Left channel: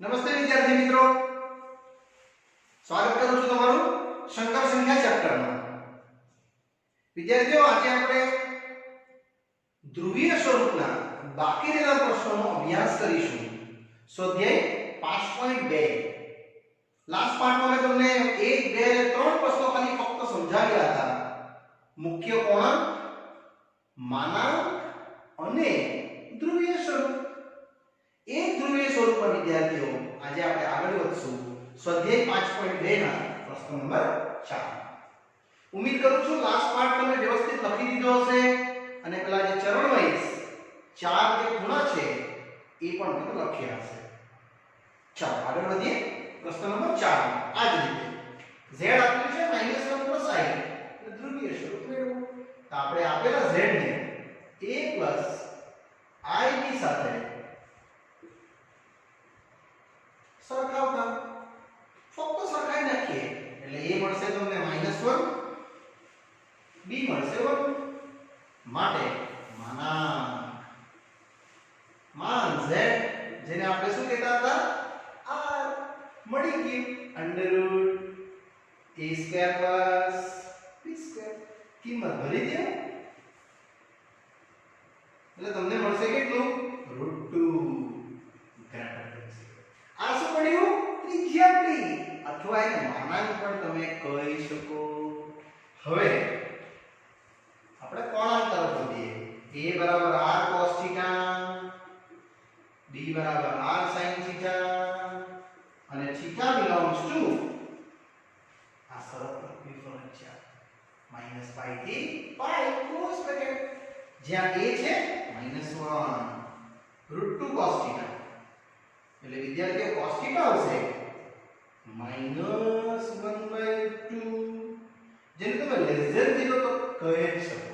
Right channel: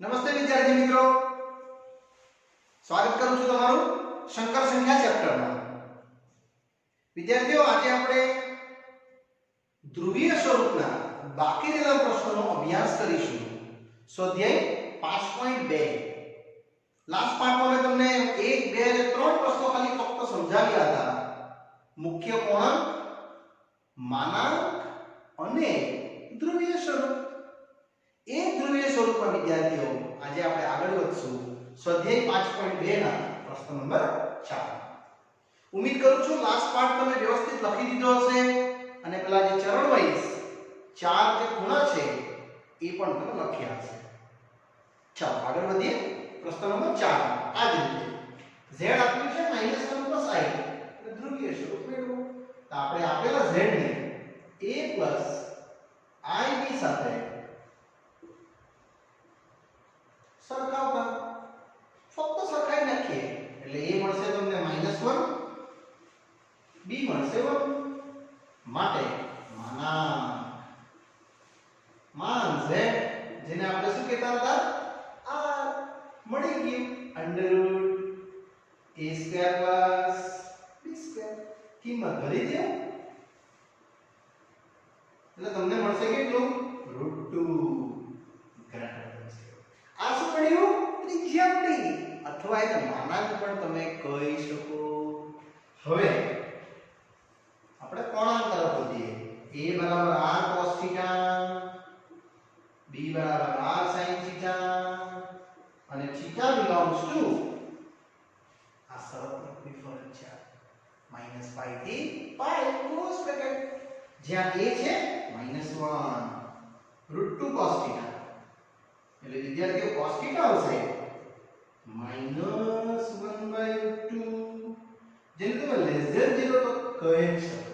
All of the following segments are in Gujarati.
નમસ્તે વિદ્યાર્થી મિત્રો, સ્વાગત કરું છું તમારું સંકર સંખ્યા ચેપ્ટરમાં. વિદ્યાર્થીઓ, આજે આપણે ધ્રુવીય સ્વરૂપના બાકી રહેલા પ્રશ્નોનો અભ્યાસ કરીશું. સ્વાધ્યાય 5.2. લાસ્ટ પાર્ટમાં મેં તમને 1, 2 અને 3 પ્રશ્નો ખાલી ફક્ત સમજાવ્યા હતા. મુખ્ય કોણાંક, માનાંક અને ધ્રુવીય સ્વરૂપ. એક ધ્રુવીય સ્વરૂપમાં વિદ્યાર્થીઓ આજે આપણે આગળ વધશું સ્વાધ્યાય 5.2 ના પ્રશ્ન નંબર 4. ઉમ્મીદ કરું છું લાસ્ટ પાર્ટ તમે વ્યવસ્થિત લખી દીધો હશે અને પેલા જે ચરણ વાઇઝ ચાર જે ખૂણા છે એ પણ તમે લખ્યા હશે. ચાલો આગળ વધીએ. પ્રશ્ન નંબર 4 આ જ રીતે z આપ્યું છે -1 i એટલે ધ્રુવીય સ્વરૂપ મેળવો. તો આપણે આપેલા z ને a i ની સાથે સરખાવતા ફક્ત સરખાઈ નાખીએ એટલે a મળશે તમને -1, b મળશે 1. માટે માન z જેને આપણે શું કહેતા હતા r મળી ગયું √a² + b² કિંમત ભરી દો એટલે તમને મળશે કેટલું √2 આ શું મળ્યું ત્રિજ્યા મળી અથવા એને માનાંક પણ તમે કહી શકો. હવે આપણે કોણાંક તરફ વધીએ. a = r cos θ, b = r sin θ અને θ belongs to આ શરત લખવી ફરજિયાત -π થી π ક્લોઝ બ્રેકેટ. જ્યાં a છે -1 √2 cos θ એટલે વિદ્યાર્થીઓ cos θ આવશે -1/2 જેને તમે <0 તો કહી જ શકો.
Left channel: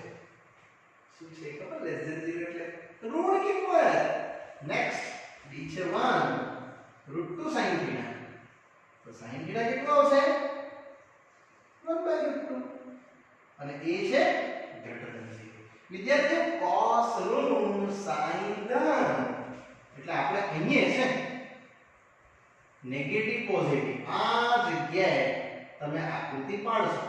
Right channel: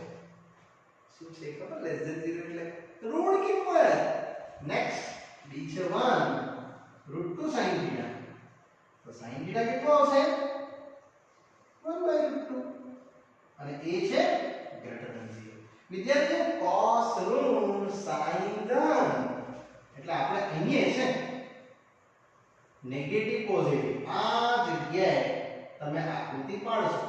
શું છે ખબર <0 એટલે ઋણ કિંમત. નેક્સ્ટ b છે 1 √2 sin θ તો sin θ કેટલો આવશે 1/√2 અને a છે > 0. વિદ્યાર્થીઓ cos ઋણ sin ધન એટલે આપણે અહીંયા છે નેગેટિવ પોઝિટિવ આ જગ્યાએ તમે આકૃતિ પાડશો.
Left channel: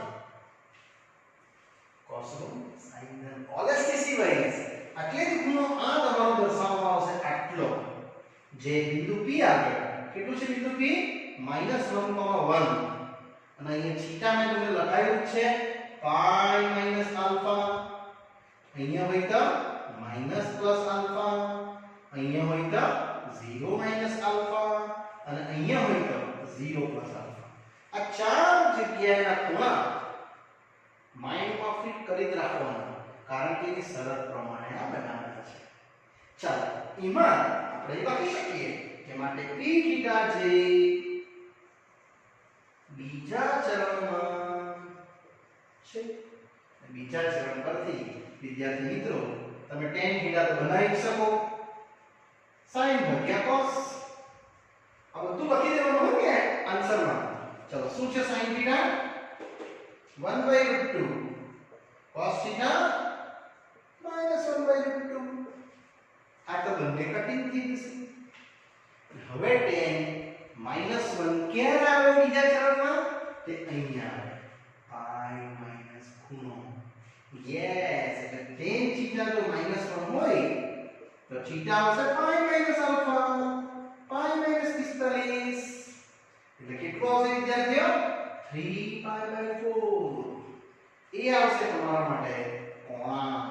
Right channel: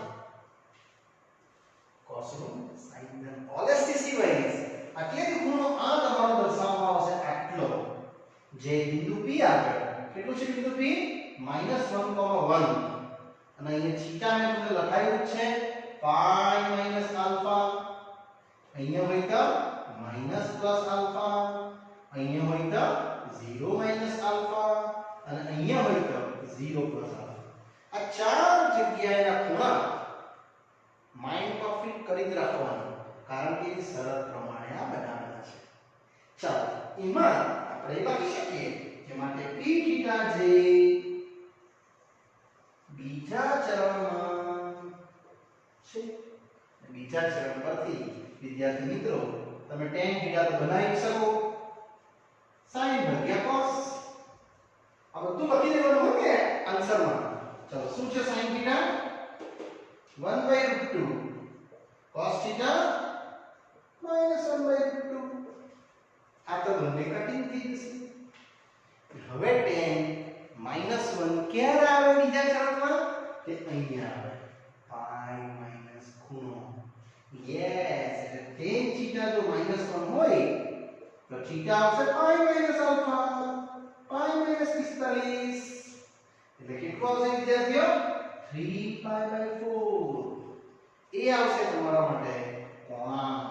cos ઋણ sin ધન ઓલેસ્ટિસી વાઇઝ એટલે કે ખૂણો આ તમારો દર્શાવવામાં આવશે આટલો જે બિંદુ p આવે. કેટલું છે બિંદુ p -1, 1 અને અહીંયા થીટા ને તમને લખાયું છે π - આલ્ફા. અહીંયા હોય તો -+આલ્ફા, અહીંયા હોય તો 0 - આલ્ફા અને અહીંયા હોય તો 0 + આલ્ફા. આ ચાર જગ્યાએના ખૂણા માઇન્ડમાં ફિટ કરી જ રાખવાના કારણ કે એ શરત પ્રમાણે આ બનાવેલા છે. ચાલો એમાં આપણે લખી શકીએ કે માટે p θ જે બીજા ચરણમાં છે. બીજા ચરણ પરથી વિદ્યાર્થી મિત્રો તમે tan θ તો બનાવી શકો sin ભાગ્યા cos આ બધું લખી દેવાનું હોય કે આન્સરમાં. ચલો શું છે sin θ 1/√2 cos θ -1/√2 આ તો બંને કટિંગ થઈ જશે. હવે tan -1 ક્યારે આવે બીજા ચરણમાં તે અહીંયા આવે π - ખૂણો. યસ એટલે tan θ જો -1 હોય તો θ આવશે π - આલ્ફા π - 45 એટલે કેટલો આવશે વિદ્યાર્થીઓ 3π/4. એ આવશે તમારા માટે કોણાંક.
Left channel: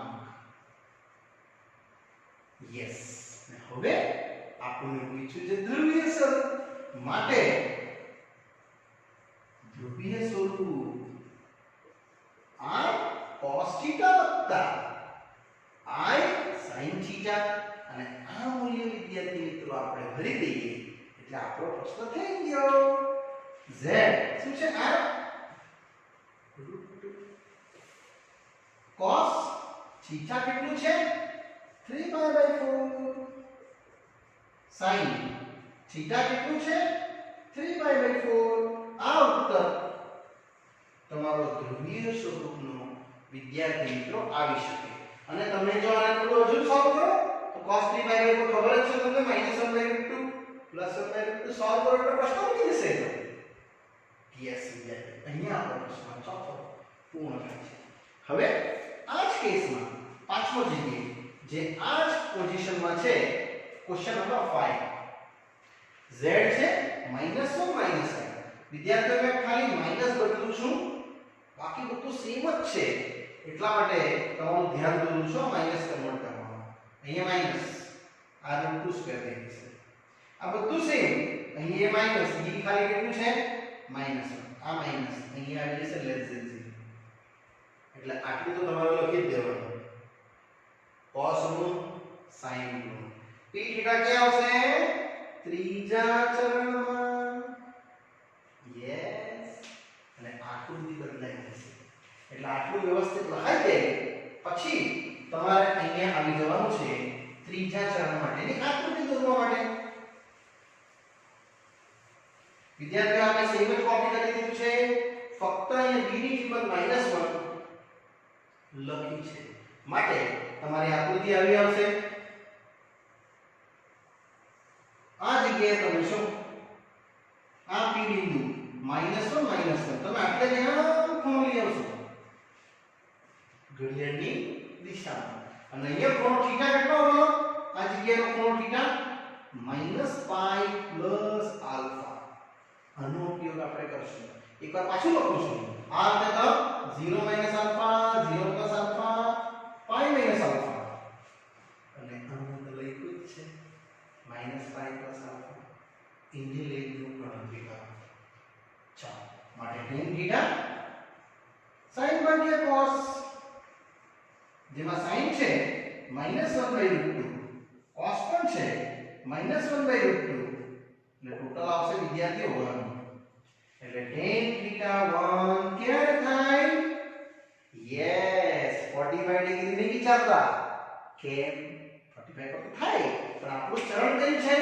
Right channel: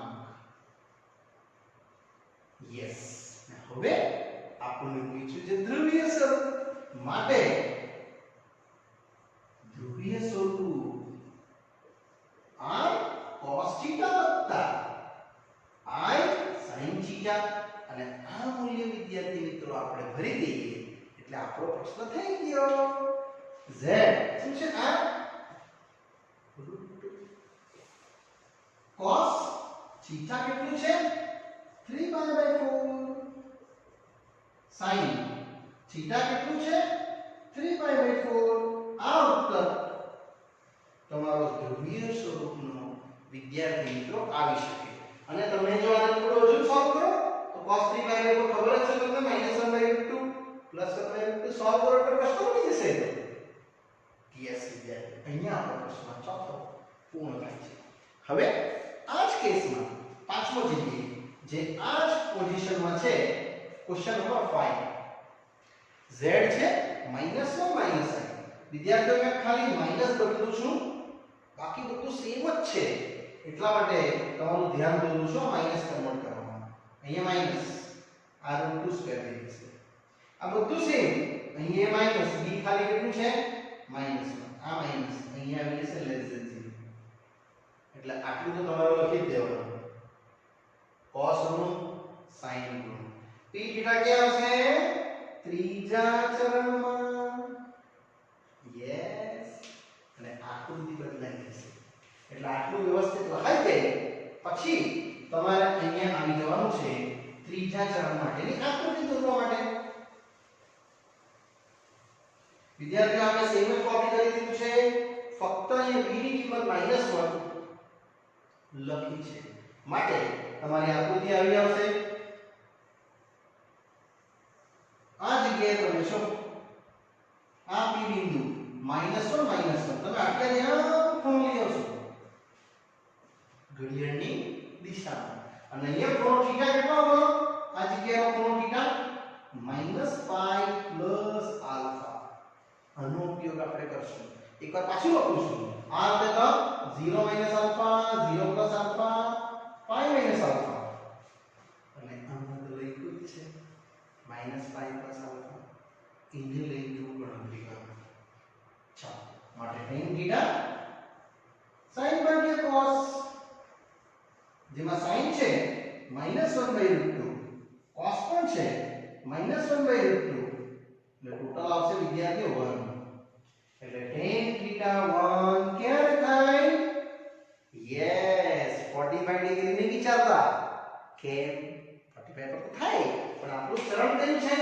યસ. હવે આપણને પૂછ્યું છે ધ્રુવીય સ્વરૂપ માટે ધ્રુવીય સ્વરૂપ i cos θ i sin θ અને આ મૂલ્ય વિદ્યાર્થી મિત્રો આપણે ભરી દઈએ એટલે આપણો પ્રશ્ન થઈ ગયો. z શું છે આ √2 cos θ કેટલું છે 3π/4 sin θ કેટલું છે 3π/4. આ ઉત્તર તમારો ધ્રુવીય સ્વરૂપનો વિદ્યાર્થી મિત્રો આવી શકે. અને તમે જો આને થોડું હજુ સોલ્વ કરો તો cos 3/4 ખબર જ છે તમને -1/√2 પ્લસ 1/√2 સોલ્વ કરો એટલે પ્રશ્ન ઉડી જશે તો યસ વિદ્યાર્થી અહીંયા આપણો પ્રશ્ન ચોથો પૂર્ણ થાય છે. હવે આ જ કેસમાં પાંચમો જગ્યાએ જે આ જ પોઝિશનમાં છે ક્વેશ્ચન નંબર 5 z છે -1 -i. વિદ્યાર્થીઓ મેં ખાલી માઈનસ બદલું છું, બાકી બધું સેમ જ છે. એટલા માટે તમારું ધ્યાન દોરું છું માઈનસ કન્વર્ટ કરવામાં. અહીંયા માઈનસ આ √2 સ્ક્વેર થઈ જશે. આ બધું સેમ. અહીંયા માઈનસ b ખાલી કેટલું છે માઈનસ. આ માઈનસ અહીંયા આવી જશે લેસ ધેન 0. એટલે આટલું તો તમારે લખી જ દેવાનું. cos ઋણ sin ઋણ p થીટા ક્યાં આવશે ત્રીજા ચરણમાં. યસ. અને આકૃતિ બદલાઈ જશે. એટલે આટલું વ્યવસ્થિત લખાઈ દે પછી તમારે અહીંયા આવી જવાનું છે ત્રીજા ચરણ માટેની આકૃતિ દોરવા માટે. વિદ્યાર્થીઓ આપણે સેમ જ કોપી કરી દીધું છે, ફક્ત અહીંયા b ની કિંમત -1 લખી છે. માટે તમારી આકૃતિ આવી આવશે. આ જગ્યાએ તમે શું આ p બિંદુ -1 તમે આટલે જ્યાં ખૂણો લઈ આવશો ઘડિયાળની દિશામાં. અને અહીંયા ખૂણો θ કેટલો આવવાનો? આ જગ્યાનો ખૂણો θ -π + α. આનો ઉપયોગ આપણે કરશું. એકવાર પાછું લખું છું. આ એટલે તો 0 - α 0 + α π - α. અને આમાં તો લખ્યું જ છે -π + α. ઇને લઈને ગણતરી કરો. ચાલો માટે tan θ sin ભાગ્યા cos. જેમાં sin છે -1/√2, cos પણ છે -1/√2, એટલે ટોટલ આવશે વિદ્યાર્થીઓ 1. એટલે tan θ 1 ક્યારે થાય? યસ 45 ડિગ્રી નહીં વિચારતા. કેમ 45 પર તો થાય, પણ આપણું ચરણ કયું છે?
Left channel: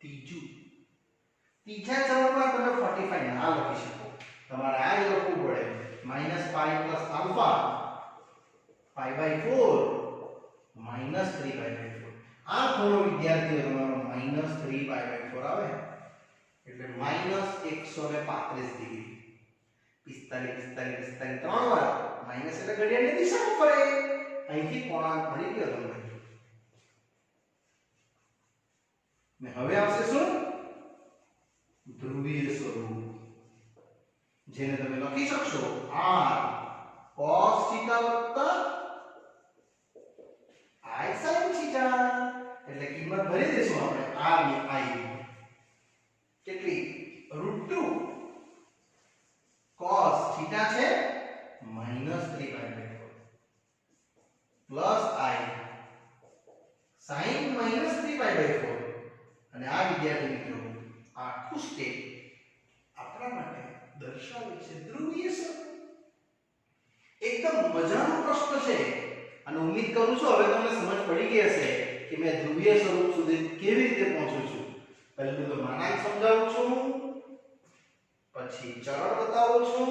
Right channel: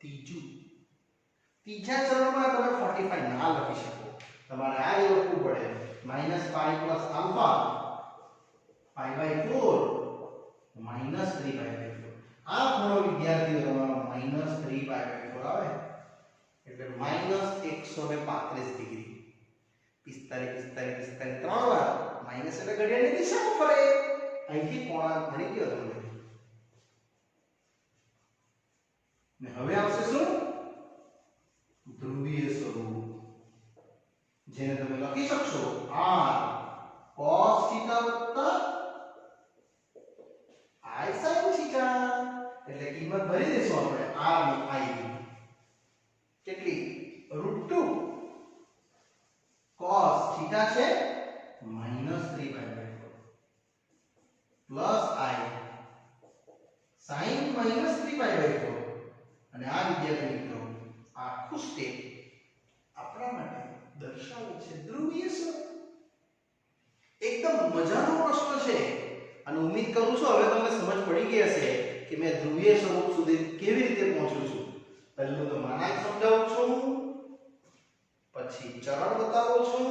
ત્રીજું. ત્રીજા ચરણમાં તમે 45 ના લખી શકો. તમારે આ લખવું પડે -π + α π/4 -3/4. આ ખૂણો વિદ્યાર્થીઓ તમારો -3/4 આવે. એટલે -135 ડિગ્રી. 45 45 45 ત્રણ વાર માઈનસ એટલે ઘડિયાળની દિશામાં ફરે. અહીંથી કોણાંક મળી ગયો તમને. ને હવે આવશે શું? ધ્રુવીય સ્વરૂપ, જેને તમે લખી શકશો r cos θ + i sin θ. એટલે કિંમત ભરી દેશું આપણે r ની i કેટલી? √2 cos θ છે -3/4 પ્લસ i sin -3/4. અને આ વિદ્યાર્થી મિત્રો આખું સ્ટેપ આપણા માટે દર્શાવે છે ધ્રુવીય સ્વરૂપ. એકદમ મજાનો પ્રશ્ન છે અને ઉમ્મીદ કરું છું હવે તમને સમજ પડી ગઈ હશે કે મેં ધ્રુવીય સ્વરૂપ સુધી કેવી રીતે પહોંચું છું. પહેલું તો માનાંક સમજાવું છું, પછી ચરણ બતાવું છું,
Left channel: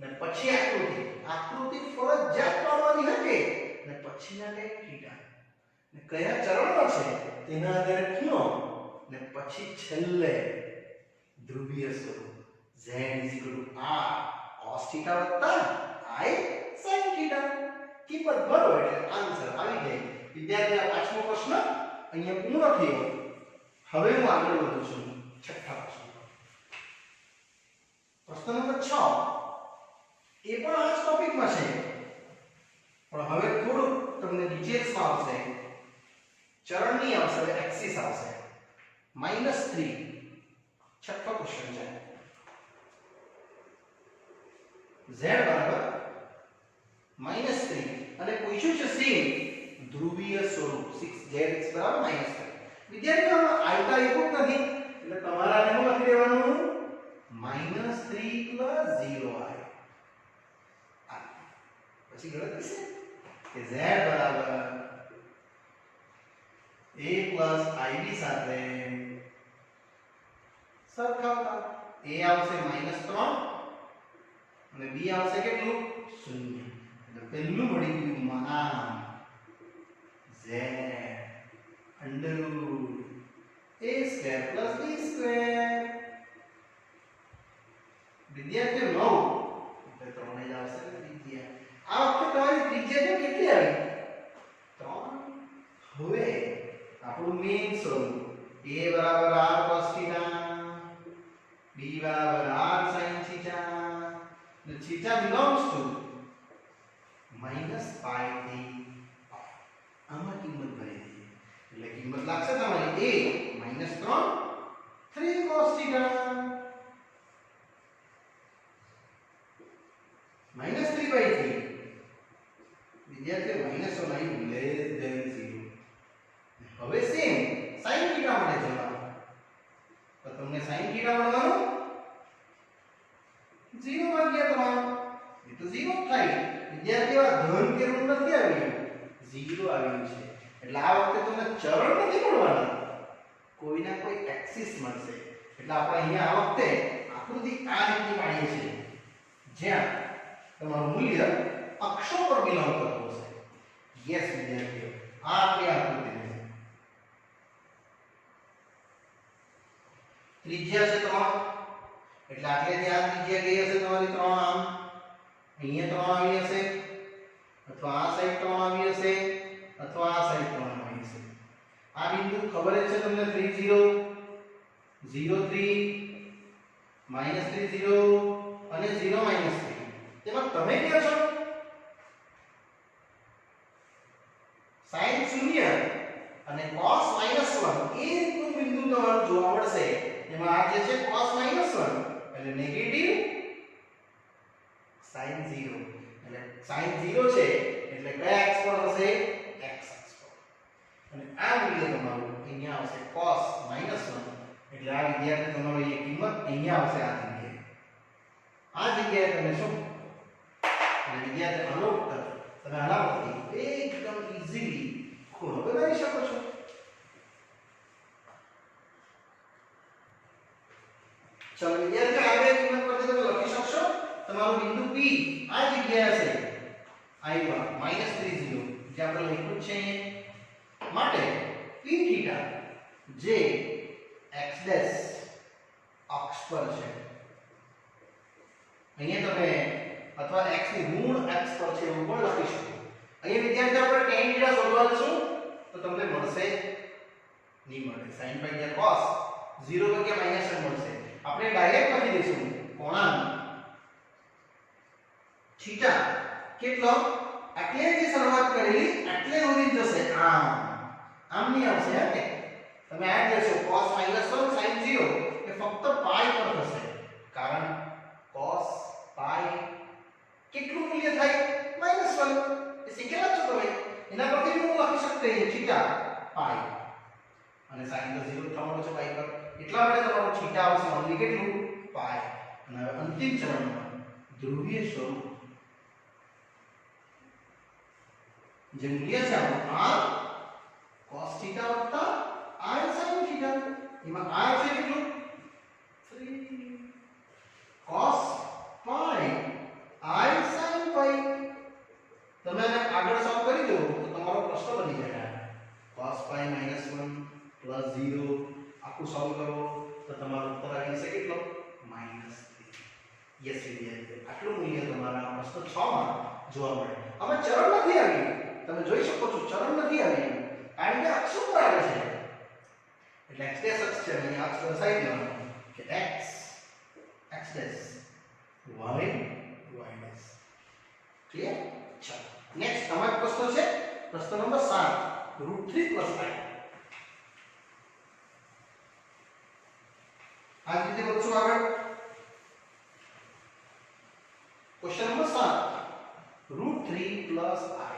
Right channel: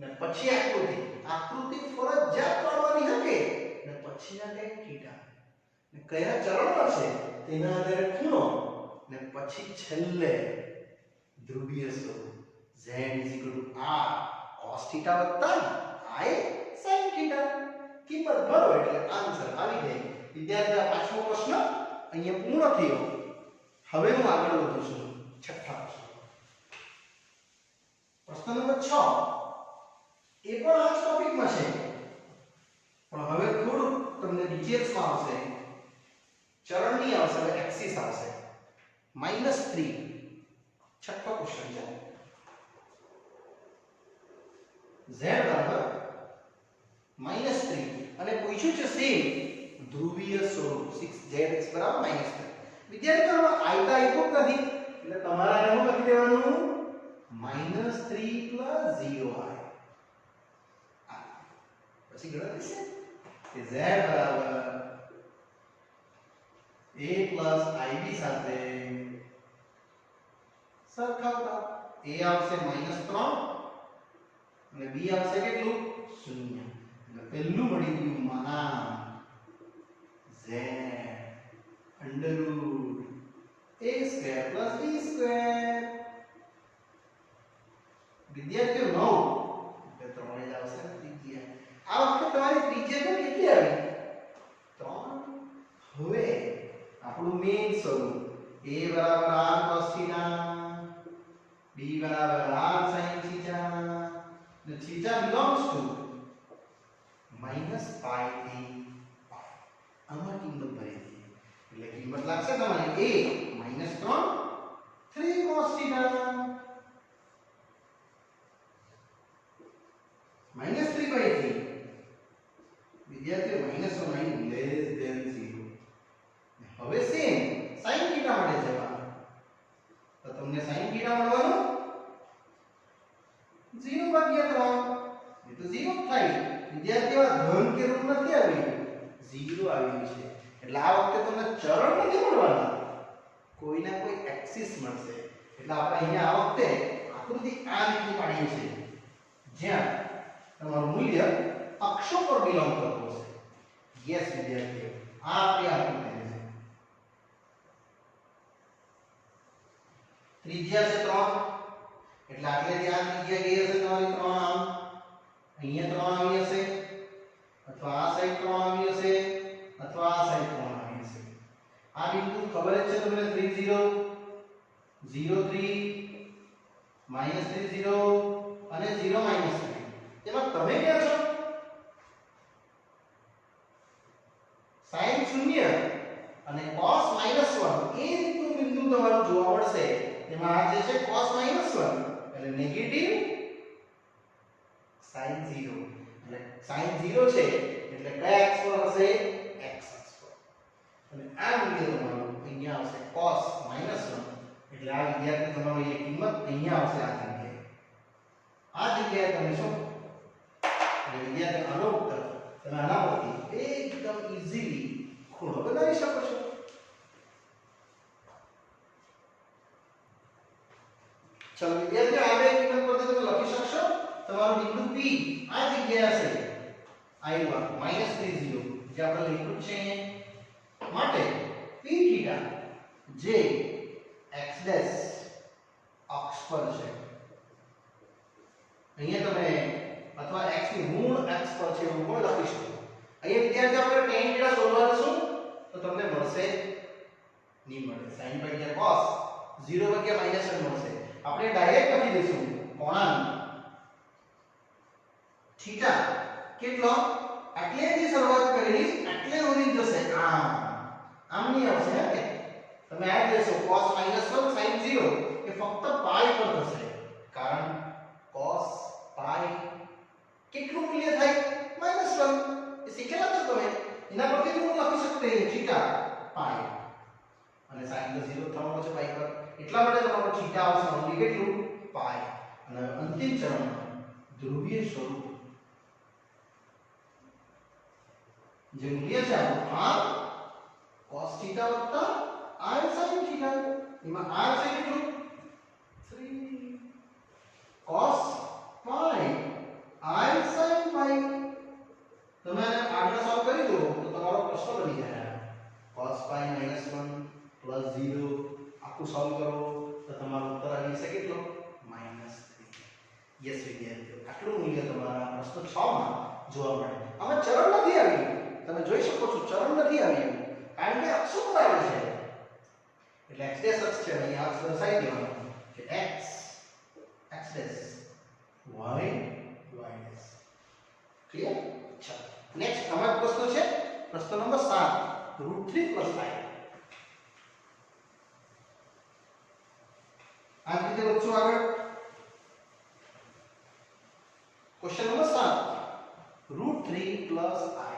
ને પછી આકૃતિ. આકૃતિ ફરજિયાત પાડવાની હકે, ને પછીના tan θ ને કયા ચરણમાં છે તેના આધારે ખૂણો, ને પછી છેલ્લે ધ્રુવીય સ્વરૂપ z r cos θ + i sin θ. કિંમત ભરો એટલે આન્સર આવી જાય. વિદ્યાર્થી આ પાંચમો પ્રશ્ન અહીંયા પૂર્ણ થયો. હવે હું આગળ વધું છું છઠ્ઠા પ્રશ્ન. પ્રશ્ન નંબર 6 એ પણ આ જ ટોપિકમાં છે, પણ હવે થોડું તમને ડિટેલ્સમાં આવશે. ચરણની આવશે, હવે એક્સિસ આવશે. -3 છઠ્ઠો ક્વેશ્ચન છે. z = -3 અને પૂછ્યું છે સેમ ધ્રુવીય સ્વરૂપ 6zx = -3. વિદ્યાર્થીઓ આયતા આપ્યું જ નથી, એટલે તમારે શું લખી દેવાનું? -3 + 0i. પછી ગણતરી છે કે z = a + ib સાથે સરખાવતા. a આવશે -3 અને b આવશે કેટલું? 0. એટલે પહેલું મળી ગયું માન z √a² સ્ક્વેર પ્લસ બી સ્ક્વેર. વિદ્યાર્થીઓ 9 એટલે 3 જ આવશે ને ત્રિજ્યા. આ વખતે તમારી ત્રિજ્યા તો કેટલી આવી? 3. હવે આપણું મેઇન સ્વરૂપ a બરાબર r cos થીટા, b બરાબર r sin થીટા, અને થીટા belongs to -π થી π. આમાં કિંમત ભરી દઈએ એટલે કિંમત લાગશે તમારી a -3 cos થીટા -3/3. વિદ્યાર્થીઓ -9 લેસ ધેન 0. હવે સેમ sin થીટા માટે જવાનું તો તમને sin થીટા મળવાનું 0/3. એ તો 0 થાય. વિદ્યાર્થીઓ ધન કે ઋણ નથી આવ્યું, 0 આવ્યું છે. એટલે આ વખતે તમને ચરણ નથી મળવાના, કોઈના કોઈ એક્સિસ મળશે. એટલે આપણે અહીંયા આ વખતે આકૃતિ આ રીતની પાડીએ છીએ જ્યાં તમારું મૂલ્ય અક્ષો પર બિલોંગ કરતું હશે. યસ વિદ્યાર્થીઓ, આ આપણી આકૃતિ છે. ત્રિજ્યા છે 3 એટલે આટલેથી આ ત્રિજ્યા ગઈ હશે તમારી 3 આમ, અહીંયા 3 આવી હશે, અથવા આ સાઈડ 3 આવી હશે, અથવા આ સાઈડ 3 આવી હશે. આ બિંદુ ખબર જ છે તમને 3 0 0 3 -3 0 અને 0 -3. તેમાં તમે ક્યાં છો? sin 0 અને cos -1 એ રીતનું બિંદુ તમારું જોવા મળશે. એમાં આ જે છે cos -1 એટલે નેગેટિવ sin 0. એટલે sin 0 છે એટલે કયા અક્ષ પર હશે? x અક્ષ પર. અને આ મૂલ્ય તમારું અહીંયા આવશે cos -1 એટલે આ વિદ્યાર્થી તમારો એ કિંમત અહીંયા આવશે આ જગ્યાએ. આ જગ્યાએ તમે શું એટલે વિદ્યાર્થી આનો ઉત્તર તમે આના પરથી એકદમ ઈઝીલી ખૂણો બનાવી શકો છો. ચલો વિદ્યાર્થીઓ આ બે કિંમત પરથી તમે લખી શકશો તમારું બિંદુ P આ જગ્યાએ હશે I1 -30 જે આપણે લખ્યું છે માટે p થીટા જે x ડેશ અક્ષ પર છે. અહીંયા તમે અથવા x ની ઋણ x પર છે એવું પણ લખી શકો. અહીંયા વિદ્યાર્થીઓ આપણે tan થીટા શોધવા જશું તો તમને મળશે નહીં મળે. sin π જે cos 0 જગ્યા -1 મળશે. આપણે ડાયરેક્ટ લખી દઈશું કોણાંક થીટા કેટલો આટલેથી શરૂઆત કરેલી આટલે સુધી જશે. આમ નહીં આવશે હે કે તમે આ જોશો cos -1 sin 0 એ ફક્ત પાઈ પર થશે કારણ cos પાઈ કેટલું મૂલ્ય થાય -1 એ શીખેલા છો તમે. એના પરથી હું લખી શકતે થીટા પાઈ અને sin તો 0 થવાનો છે પાઈ પર એટલા માટે તમારો થીટા આવશે ઓન્લી કેટલું પાઈ. અને અંતિમ ચરણમાં ધ્રુવીય સ્વરૂપ જે મૂલ્ય છે આપણું r cos થીટા વત્તા r sin થીટા. એમાં r છે કેટલું 3 cos પાઈ i sin પાઈ. તમે આને આગળ સોલ્વ કરી દો તો તમારો પ્રશ્ન બની જાય cos પાઈ -1 +0 આખું સોલ્વ કરો તો તમારો ઉત્તર આવી જશે કેટલો -3. યસ વિદ્યાર્થીઓ આટલું મૂલ્ય તમારા પ્રશ્ન 6 માં જોવા મળે. આમાં ચરણ નથી આવ્યું, તમે જોઈ શકો છો ચરણ નથી આવ્યું કારણ કે અક્ષ ઉપર આવે છે. એટલે x ડેશ અક્ષ છે અહીંયા અક્ષ દર્શાવી દેવાનું કે x dash y dash. Clear? ચાલો નેક્સ્ટ અમારો પ્રશ્ન છે પ્રશ્ન નંબર 7 √3 + i. આ રીતે વધશું આગળ. Question number 7 √3 + i.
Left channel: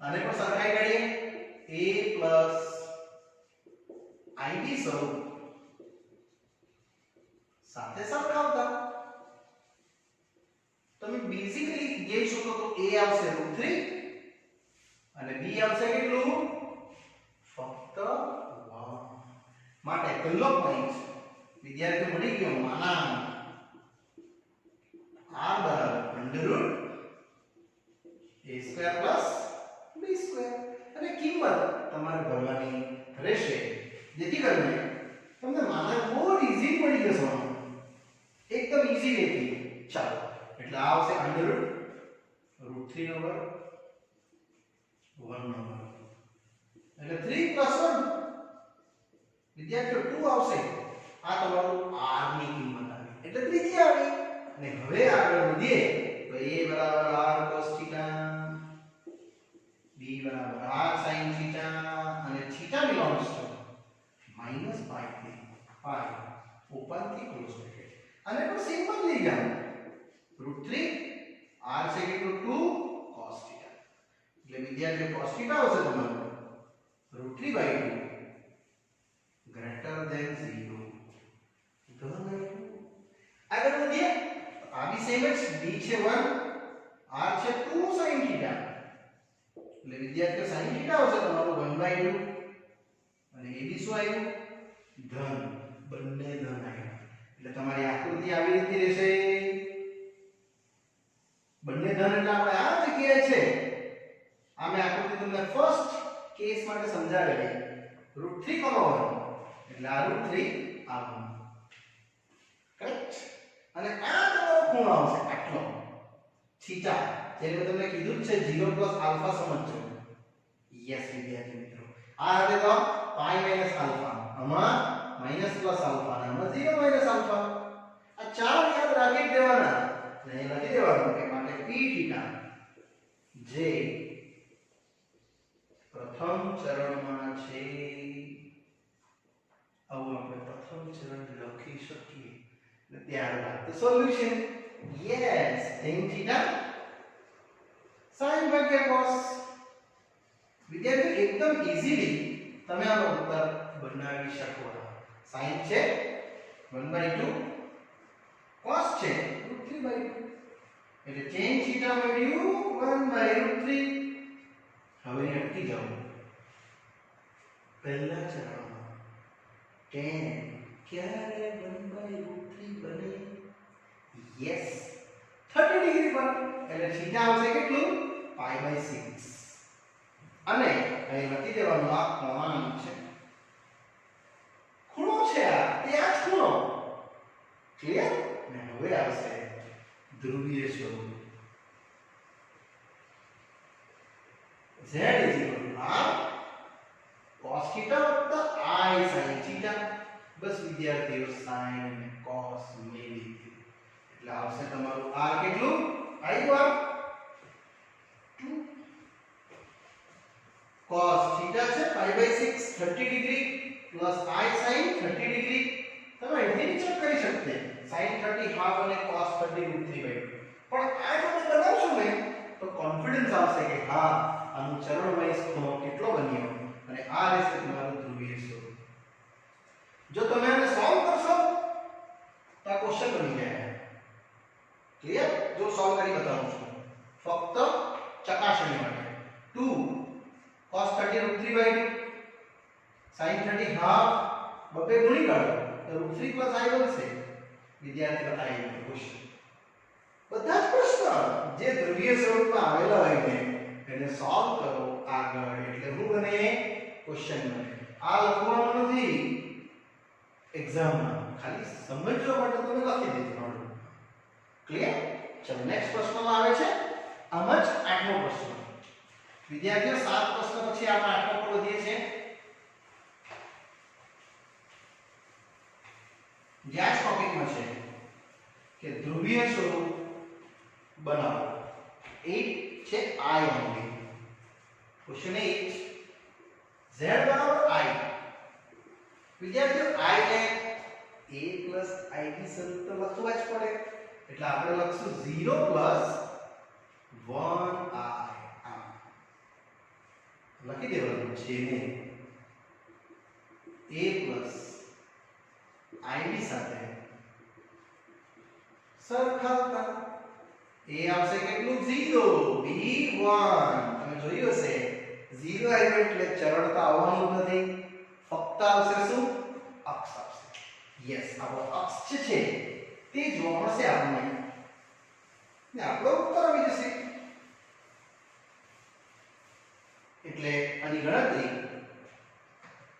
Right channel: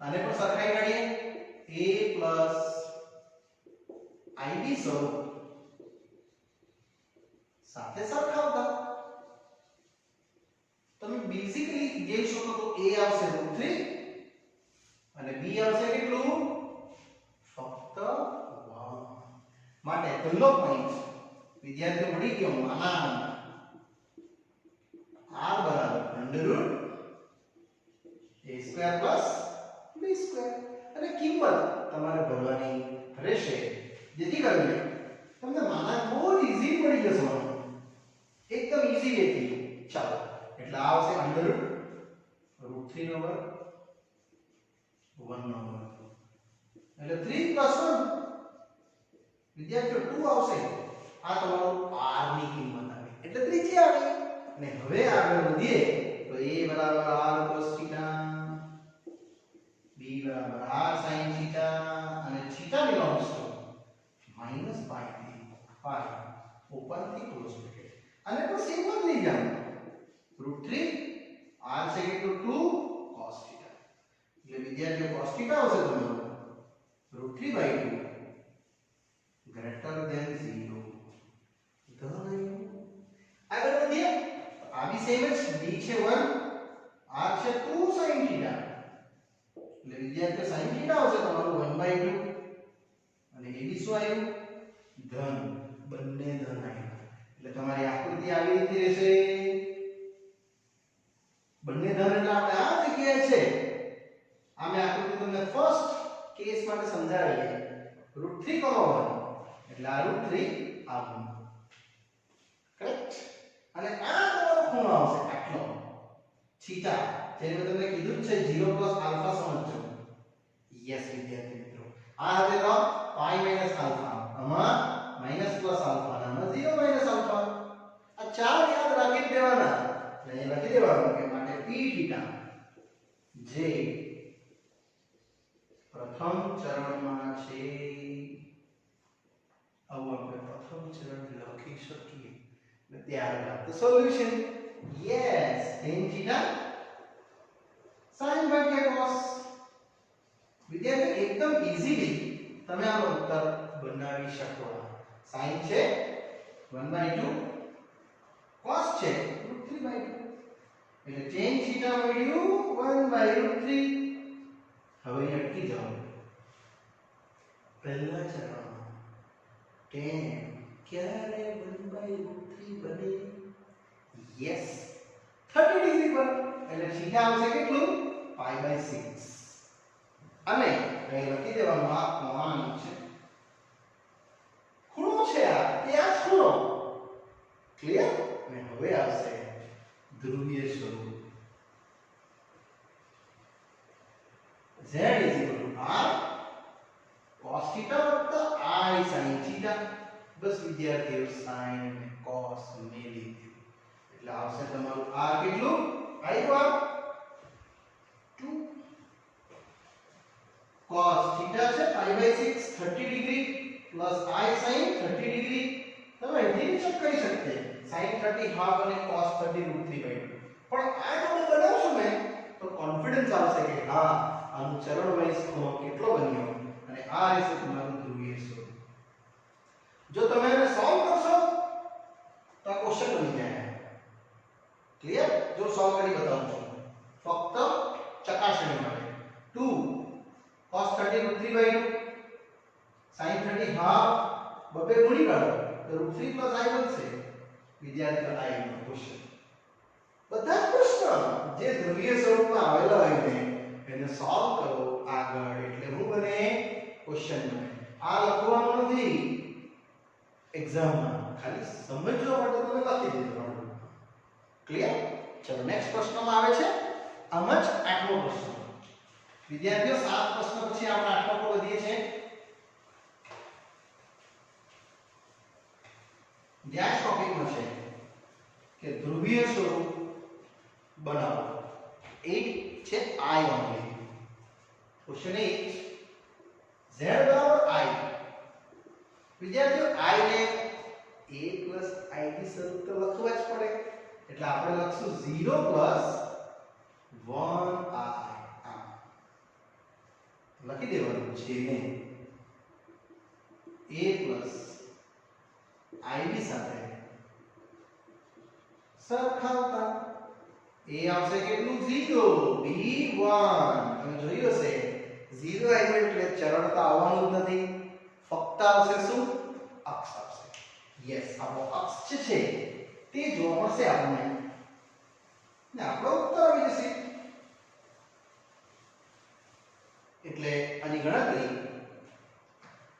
આને પણ સરખાઈ કરીએ a + ib સ્વરૂપ સાથે સરખાવતા તમે બેઝિકલી જોઈ શકો તો a આવશે √3 અને b આવશે કેટલું ફક્ત 1. માટે પહેલો પોઈન્ટ વિદ્યાર્થીઓ મળી ગયો માના r √a² + b². અને કિંમત તમારે ભરવાની રહેશે, જેથી કરીને તમને માનક બહુ ઈઝી પડી જશે, એકદમ ઈઝી વેથી. ચાલો, એટલે આ આવશે અંડર રૂટ 3 નો વર્ગ 1 નો વર્ગ, એટલે 3 + 1 વિદ્યાર્થીઓ 2 આવશે. આ તમારું r ની કિંમત આવી, એટલે ત્રીજી આવી. અને હવે આગળ વધીએ તો a = r cos θ, b = r sin θ, અને θ belongs to -π થી π, ઓપન થી ક્લોઝ બ્રેકેટ. અને તો સિમ્પલ લઈ ગયા, √3 r છે કેટલું 2 cos θ, એટલે વિદ્યાર્થીઓ cos θ આવશે તમારું √3/2 greater than 0. ધન આગળ વધીએ તો આ બી સેમ જ, d છે 1, r છે 2 sin θ, એટલે વિદ્યાર્થીઓ sin θ આવશે તમારું 1/2, અને એ બી શું આવ્યું ધન, બંને ધન આવ્યા. એટલે તમારી આકૃતિ આવી રીતે રહેશે, બંને ધન એટલે આપણે આ જગ્યાએ છે. આ મેં આકૃતિ તમને ફર્સ્ટ કેસ માટે સમજાવેલી, √3, 1 એટલે આ √3 આવું, કરેક્ટ. અને આ તમારો ખૂણો આવશે આટલો થીટા, જેને મેં તમને કીધું જ છે 0 + આલ્ફા સમજજો. યસ વિદ્યાર્થી મિત્રો, આ હશે તો π - આલ્ફા, આમાં માઈનસ પ્લસ આલ્ફા, આમાં 0 - આલ્ફા. આ ચાર યાદ રાખી દેવાના, અને લખી દેવાનું કે માટે p થીટા જે પ્રથમ ચરણમાં છે, આવું આપણે પ્રથમ ચરણ લખી શકીએ. અને ત્યારબાદ તો solution, yes tan theta sin ભાગ્યા cos. વિદ્યાર્થી એકદમ ઈઝીલી તમે આનો ઉત્તર બનાવી શકો. sin છે 1/2, cos છે √3/2, એટલે tan થીટા મળ્યું 1/√3. હવે અટકી જાઓ પહેલા ચરણમાં. tan ક્યારે 1/√3 બને? યસ 30 ડિગ્રી પર, એટલે થીટા આવશે કેટલું π/6. અને અહીં લખી દેવાનું આ કોણ છે, ખૂણો છે, આ ત્યાં જ ખૂણો. ક્લિયર? અને હવે આવશે ધ્રુવીય સ્વરૂપ. z = r cos θ + I sin θ. બસ વિદ્યાર્થીઓ sin cos મેં લીધું, એટલે આવશે તમારું r કેટલું આવ્યું, 2 cos θ છે π/6 30 degree plus I sin 30 degree. તમે અહીંથી ચેક કરી શકતે, sin 30 હાફ અને cos 30 √3/2. પણ આ જો બનાવશો ને તો કોન્ફિડન્સ આવશે કે હા આનું ચરણ વાઇઝ ખૂણો કેટલો બન્યો, અને આ રહેશે તમારું ધ્રુવીય સ્વરૂપ. જો તમે આને સોલ્વ કરશો તો આ ક્વેશ્ચન બની જાય. ક્લિયર? જો સોલ્વ કરી બતાવું છું ફક્ત ચકાસણી માટે. 2 cos 30 √3/2 sin 30 હાફ, બબે ગુણી કાઢો તો √3 + I બનશે. વિદ્યાર્થીઓ આ એક ક્વેશ્ચન, બધા જ પ્રશ્ન જે ધ્રુવીય સ્વરૂપમાં આવેલા હોય ને એને સોલ્વ કરો આગળ, એટલે શું બને ક્વેશ્ચન બને. આ લખવાનું નથી એક્ઝામમાં, ખાલી સમજવા માટે તમે લખી દેજો. ક્લિયર? ચલો નેક્સ્ટ પ્રશ્નમાં આવે છે આમ જ 8મો પ્રશ્ન. વિદ્યાર્થીઓ 7 પ્રશ્ન પછી આપણે 8મા પર વધીએ છીએ. જ્યાં ટોપિકમાં છે કે ધ્રુવીય સ્વરૂપ બનાવો. 8 છે I only. Question 8 z = I. વિદ્યાર્થીઓ I ને a + I ની શરત તો લખવા જ પડે, એટલે આપણે લખશું 0 + 1I. લખી દેવાનું જેને a + I સાથે સરખાવતા. a આવશે કેટલું 0, b 1. તમે જોયું હશે 0 આવ્યું એટલે ચરણ તો આવવાનું જ નથી, ફક્ત આવશે શું અક્ષ આવશે. યસ, આપણો અક્ષ છે તે જોવા મળશે આપણને, ને આપણો ઉત્તર આવી જશે. એટલે આની ગણતરી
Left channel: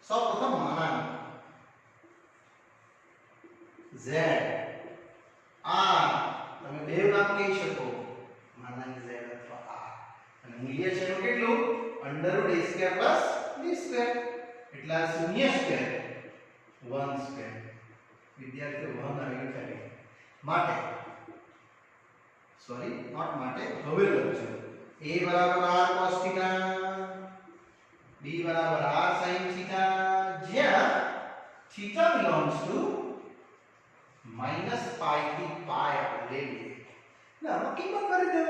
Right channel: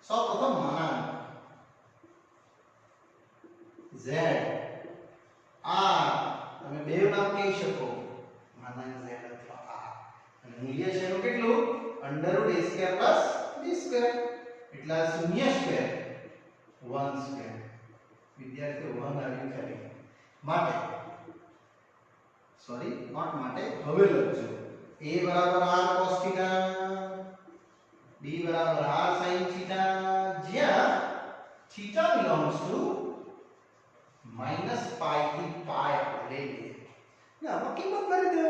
સૌપ્રથમ માનાંક z r તમે બે નામ કહી શકો માનાંક z અથવા r અને મૂલ્ય છે એનું કેટલું √a² + b² એટલે આ શૂન્ય સ્ક્વેર 1 સ્ક્વેર વિદ્યાર્થીઓ 1 આવ્યું ખાલી માટે સોરી નોટ માટે હવે લખજો a r cos θ b r sin θ જ્યાં θ belongs to -π થી π આપણે લઈએ ને આમાં કિંમત કરી દો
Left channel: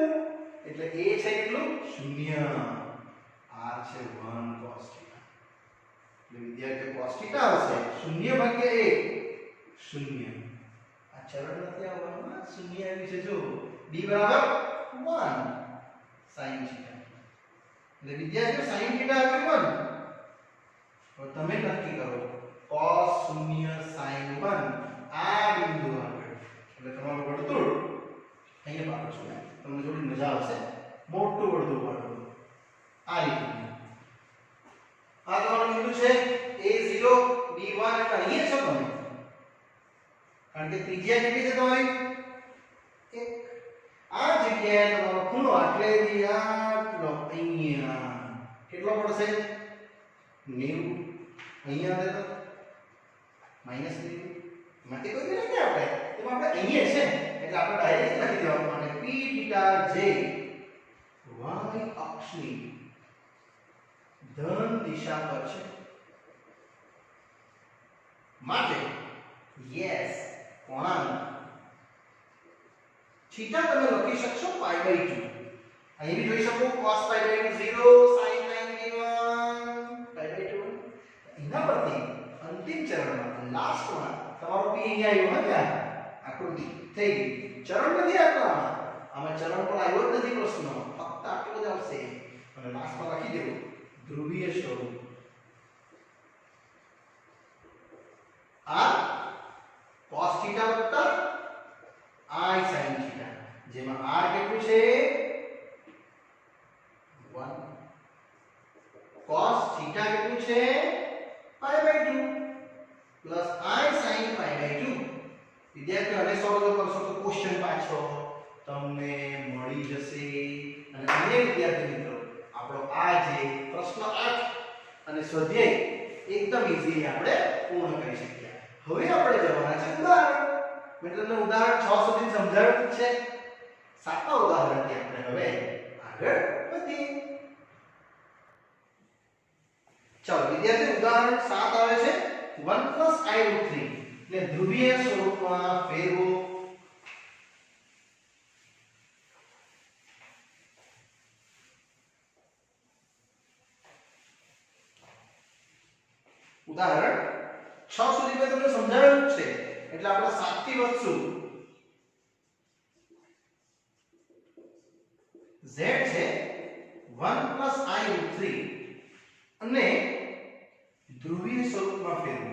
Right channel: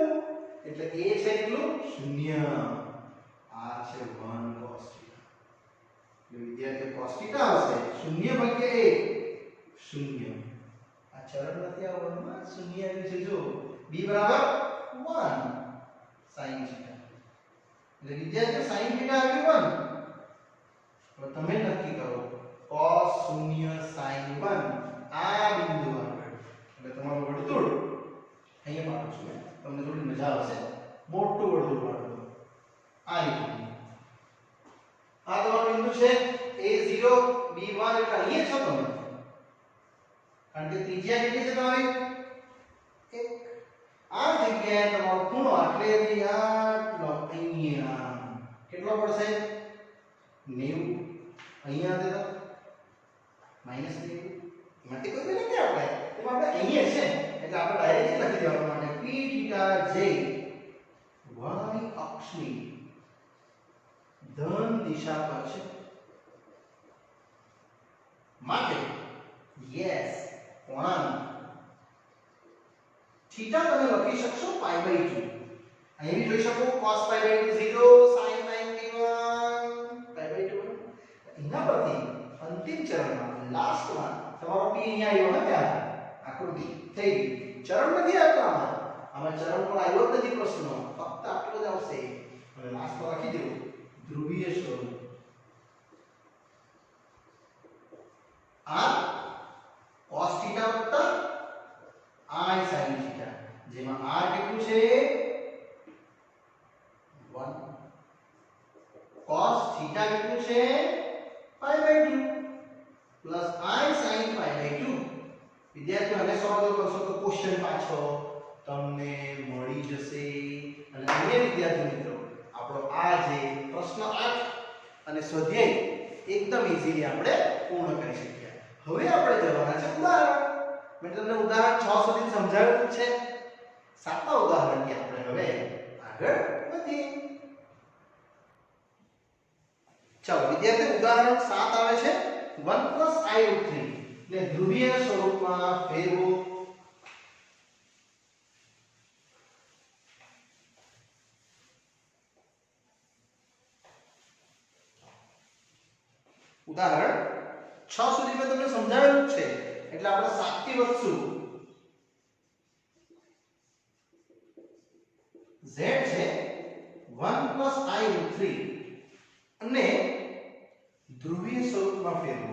એટલે a છે કેટલું 0 r છે 1 cos θ એટલે વિદ્યાર્થીઓ cos θ આવશે 0 ભાગ્યા 1 0 આ ચરણ નથી આવવામાં 0 આવી છે જો b બરાબર 1 sin θ એટલે વિદ્યાર્થીઓ sin θ આવ્યું 1 હવે તમે નક્કી કરો cos 0 sin 1 આ બિંદુ આગળ એટલે તમારું વર્તુળ અહીંયા પાડો છો તમને થોડી મજા આવશે મોટું વર્તુળ પાડો આ રીતે આ તમારું બિંદુ છે a0 b1 એટલે અહીંયા છો તમે કારણ કે ત્રિજ્યા કેટલી છે તમારી 1 આ જગ્યાએ તમારો ખૂણો એટલે આટલો અહીંયા કેટલો પડશે 90 અહીંયા દે તો -90 માટે કોઈ નથી આપણે તો આપણે અહીંયા છે એટલે આપણે ડાયરેક્ટ લખી દેવાનું માટે p θ j y અક્ષની ધન દિશા પર છે માટે યસ કોણાંક થીટા તમે લખી શકશો π/2 અહીં બી જોઈ શકો cos π/2 0 sin π/2 એના પરથી અંતિમ ચરણમાં લાસ્ટમાં તમારો p અહીંયા આવ્યો ને ત્યાં આકૃતિ થઈ ગઈ ચરણ નથી આપવામાં આમાં ચરણ પર આવ્યો જ નથી પ્રશ્ન ફક્ત આટલો જ આવશે અને લાસ્ટમાં લખી દેવો ધ્રુવીય સ્વરૂપ r cos θ i sin θ જેમાં r કેટલું છે 1 cos θ કેટલું છે π/2 પ્લસ i sin π/2 વિદ્યાર્થીઓ અને સોલ્વ કરશો તો ક્વેશ્ચન પાછો તમને મળી જશે અને અન્ય વિદ્યાર્થી મિત્રો આપણો આ જે પ્રશ્ન 8 અને સ્વાધ્યાય એકદમ ઈઝીલી આપણે પૂર્ણ કરી શકીએ હવે આપણે જવાના છે ઉદાહરણ મેં તમને ઉદાહરણ 6 સુધી સમજાવ્યું છે સાતમા ઉદાહરણથી આપણે હવે આગળ વધીએ ચાલો વિદ્યાર્થી ઉદાહરણ 7 આવે છે 1 + i√3 એટલે ધ્રુવીય સ્વરૂપમાં ફેરવો ઉદાહરણ 6 સુધી મેં તમને સમજાવ્યું છે એટલે આપણે 7 થી વધશું z છે 1 + i√3 અને ધ્રુવીય સ્વરૂપમાં ફેરવો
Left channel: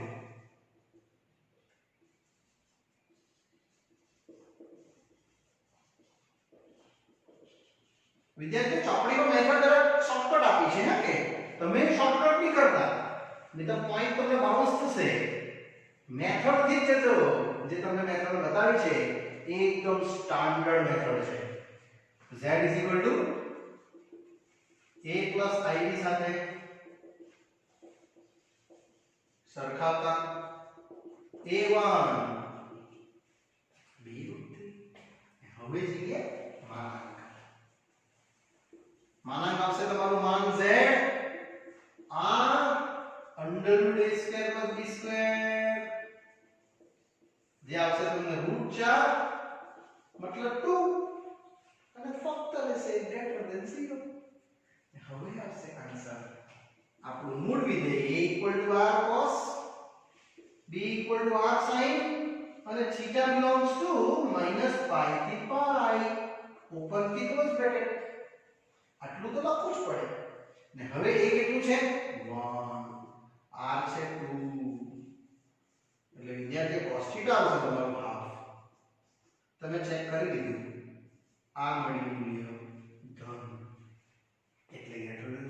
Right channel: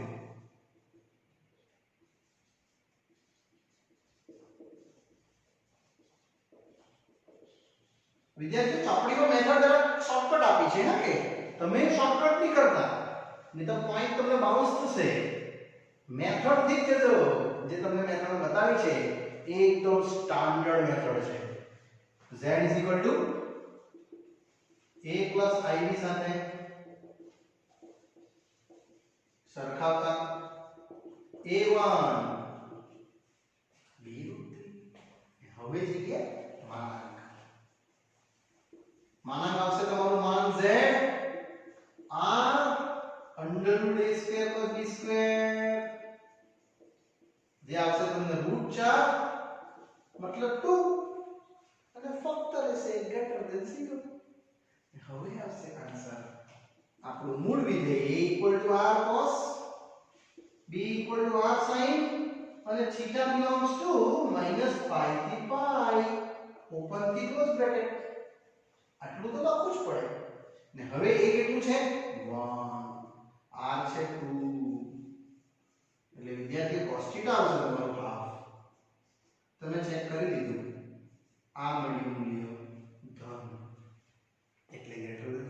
વિદ્યાર્થીઓ ચોપડીનો મેથડ જરા શોર્ટકટ આપી છે હે કે તમે શોર્ટકટ નહીં કરતા નહીં તો પોઈન્ટ તમને બાઉન્સ થશે મેથડ થી જ જજો જે તમને મેથડ બતાવી છે એ એકદમ સ્ટાન્ડર્ડ મેથડ છે z a + ib સાથે સરખાવતા a1 b√3 હવે જોઈએ માનાંક આવશે તમારું માન z r √a² + b² જે આવશે તમને √4 મતલબ 2 અને ફક્ત રહેશે > 0 હવે આવશે આન્સર આપણું મૂળ વિધેય a = r cos b = r sin અને θ belongs to -π થી π ઓપન થી ક્લોઝ બ્રેકેટ આટલું તો લખવું જ પડે ને હવે a કેટલું છે 1 r છે 2 એટલે વિદ્યાર્થી cos θ આવશે તમારું હાફ તમે ચેક કરી લીધું આ મળ્યું મૂલ્ય ધન એટલે > 0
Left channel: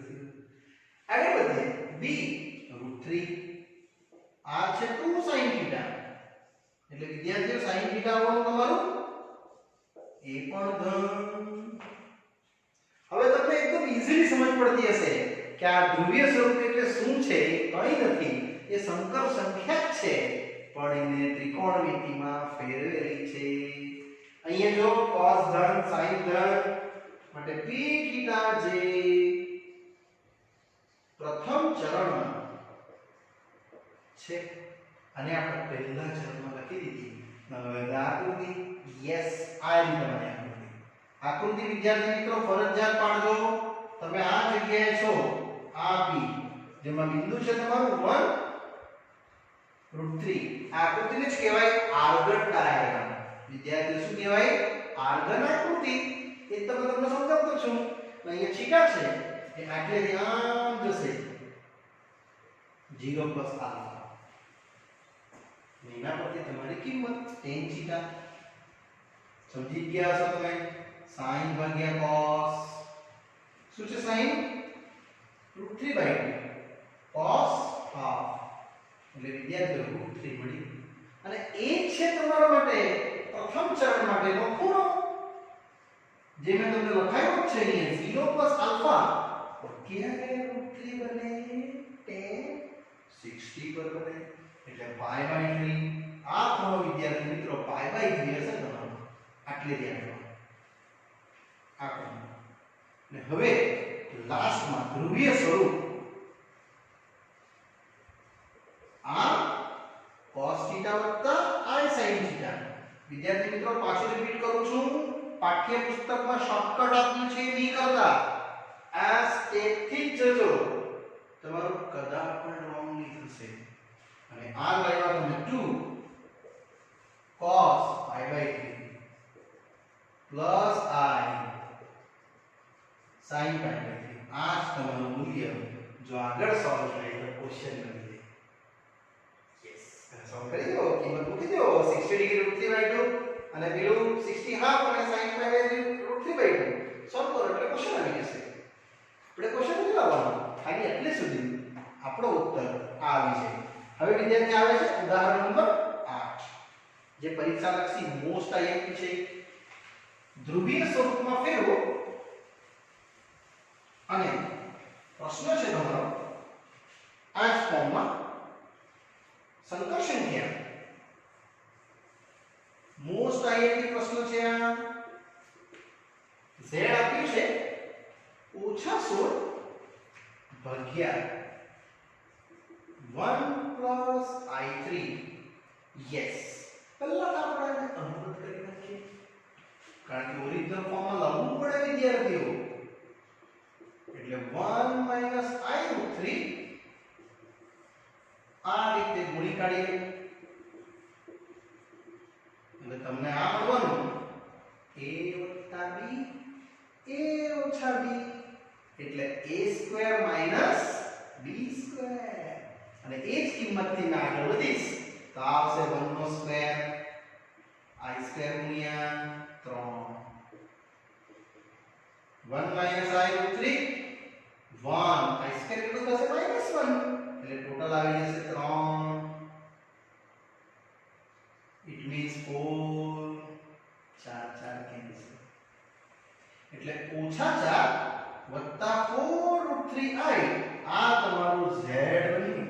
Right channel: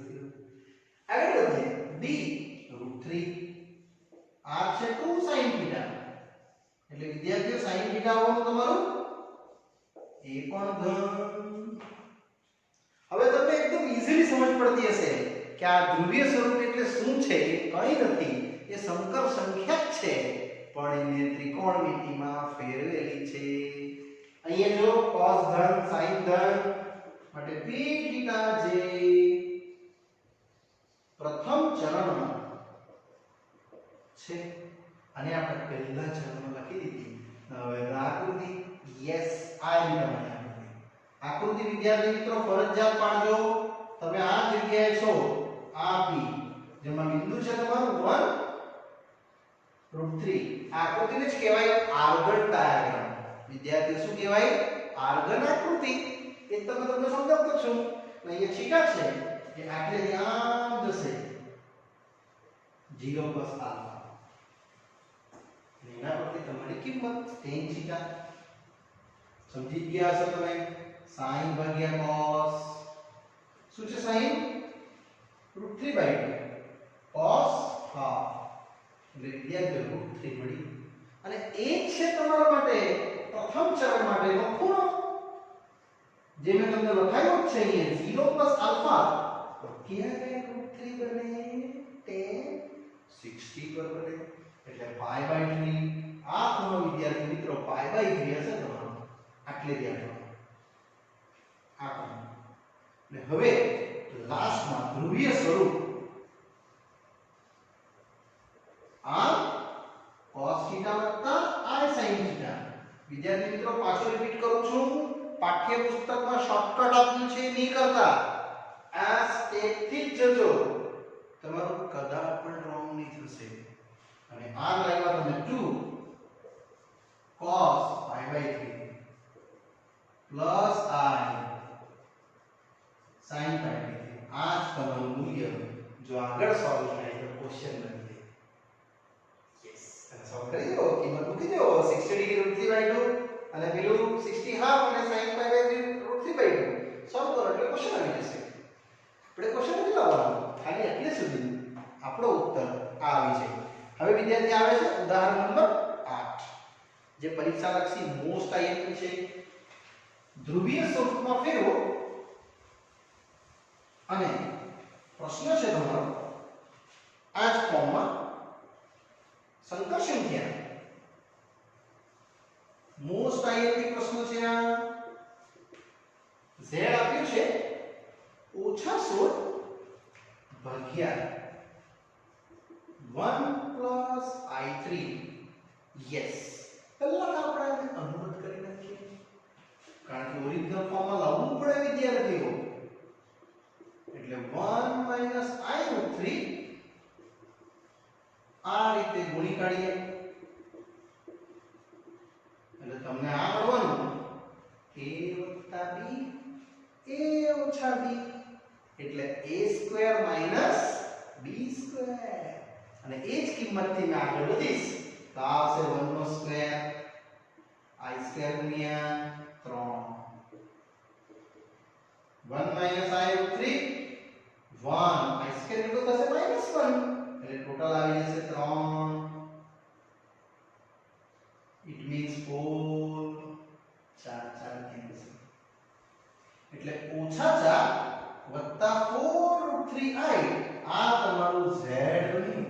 b √3 આ છે 2 sin θ એટલે વિદ્યાર્થીઓ sin θ આવવાનું તમારું એ પણ ધન. હવે તમને એકદમ ઈઝીલી સમજ પડતી હશે કે આ ધ્રુવીય સ્વરૂપ એટલે શું છે. એ કંઈ નથી, એ સંકર સંખ્યા જ છે, પણ એને ત્રિકોણમિતિમાં ફેરવેલી છે. અહીંયા જો cos ધન sin ધન માટે p θ જે પ્રથમ ચરણમાં છે અને આપણે પહેલા ચરણમાં લખી દીધી. હવે આકૃતિ યસ આ રીતે બને આકૃતિ વિદ્યાર્થી મિત્રો ફરજિયાત પાડજો. તમે આ જગ્યાએ છો આ p જેમાં બિંદુ છે તમારું 1 √3 આ આકૃતિને જ કહેવાય આર્ગન ડાયાગ્રામ. વિદ્યાર્થીઓ શું કહેવાય? આર્ગન આકૃતિ. એ તમને સમજાવતો છું. અહીંયા છીકા છે કે આટલે આમ જશે 0 + આલ્ફા. એના પરથી તમારી કિંમત tan θ સમજી ગયા છો તમે. sin ભાગ્યા cos શું છે? sin √3/2 cos half એટલે વિદ્યાર્થીઓ √3 મળી. અને એ છે તમારા માટે પ્રથમ ચરણ માટેનો ખૂણો જે મેં તમને લખાયો છે અહીંયા 0 + આલ્ફા. ક્યારે √3 બને? tan 60 પર બને એટલે π/3. આ ખૂણો વિદ્યાર્થી મિત્રો π/3 હશે તમારો. આટલે ધ્યાન રાખો આ ખૂણો. અને હવે લાસ્ટમાં ધ્રુવીય સ્વરૂપ આ cos θ + I sin θ. વિદ્યાર્થી મિત્રો પાછું રિપીટ કરું છું, પાઠ્યપુસ્તકમાં શોર્ટકટ આપ્યું છે નહીં કરતા. આ સ્ટેપ થી જ જજો, તમારું કદાચ પણ રોંગ નહીં થશે. અને આ લાઈનમાં તમે 2 cos π/3 પ્લસ I sin π/3 આ જ તમારું મૂલ્ય જો આગળ સોલ્વ થાય તો ક્વેશ્ચન બની જાય. યસ, અને સોલ્વ કરી દો, કિંમત મૂકી દો 60 ડિગ્રી √3/2 અને પેલું 60 હાફ અને sin π/3 √3/2 સોલ્વ કરો એટલે ક્વેશ્ચન આવી જશે. આપણે ક્વેશ્ચન નથી લાવવાનો, ખાલી એટલે સુધી આપણો ઉત્તર આ આવી જાય. હવે વિદ્યાર્થી આવે છે ઉદાહરણ નંબર 8 જે પરીક્ષા લક્ષી મોસ્ટ આઈએમપી છે. ધ્રુવીય સ્વરૂપમાં ફેરવો અને પ્રશ્ન છે તમારો આ જ ફોર્મમાં સંકર સંખ્યા. મોસ્ટ આઈએમપી પ્રશ્ન છે. આ z આપ્યું છે -16 ભાગ્યા 1 + I3. યસ, પહેલા તો આપણે કન્વર્ટ કરી નાખીએ કારણ કે ઓરિજિનલ ફોર્મમાં લાવવું પડે વિદ્યાર્થીઓ. એટલે 1 - I√3 આ રીતે ગુણી કાઢીએ એટલે તમને આ મળવાનું a + b a - b એટલે a² - b². અને એ જ કિંમતથી મેં આગળ વધીશ તો આવશે 1/2 I² * 3 1 - I√3 1 I² કેટલું થશે? -1 એટલે ટોટલ આવી જશે 3. ઇટ મીન્સ 4 4 4 કેન્સલ એટલે -4 + 4√3i આ તમારું z બન્યું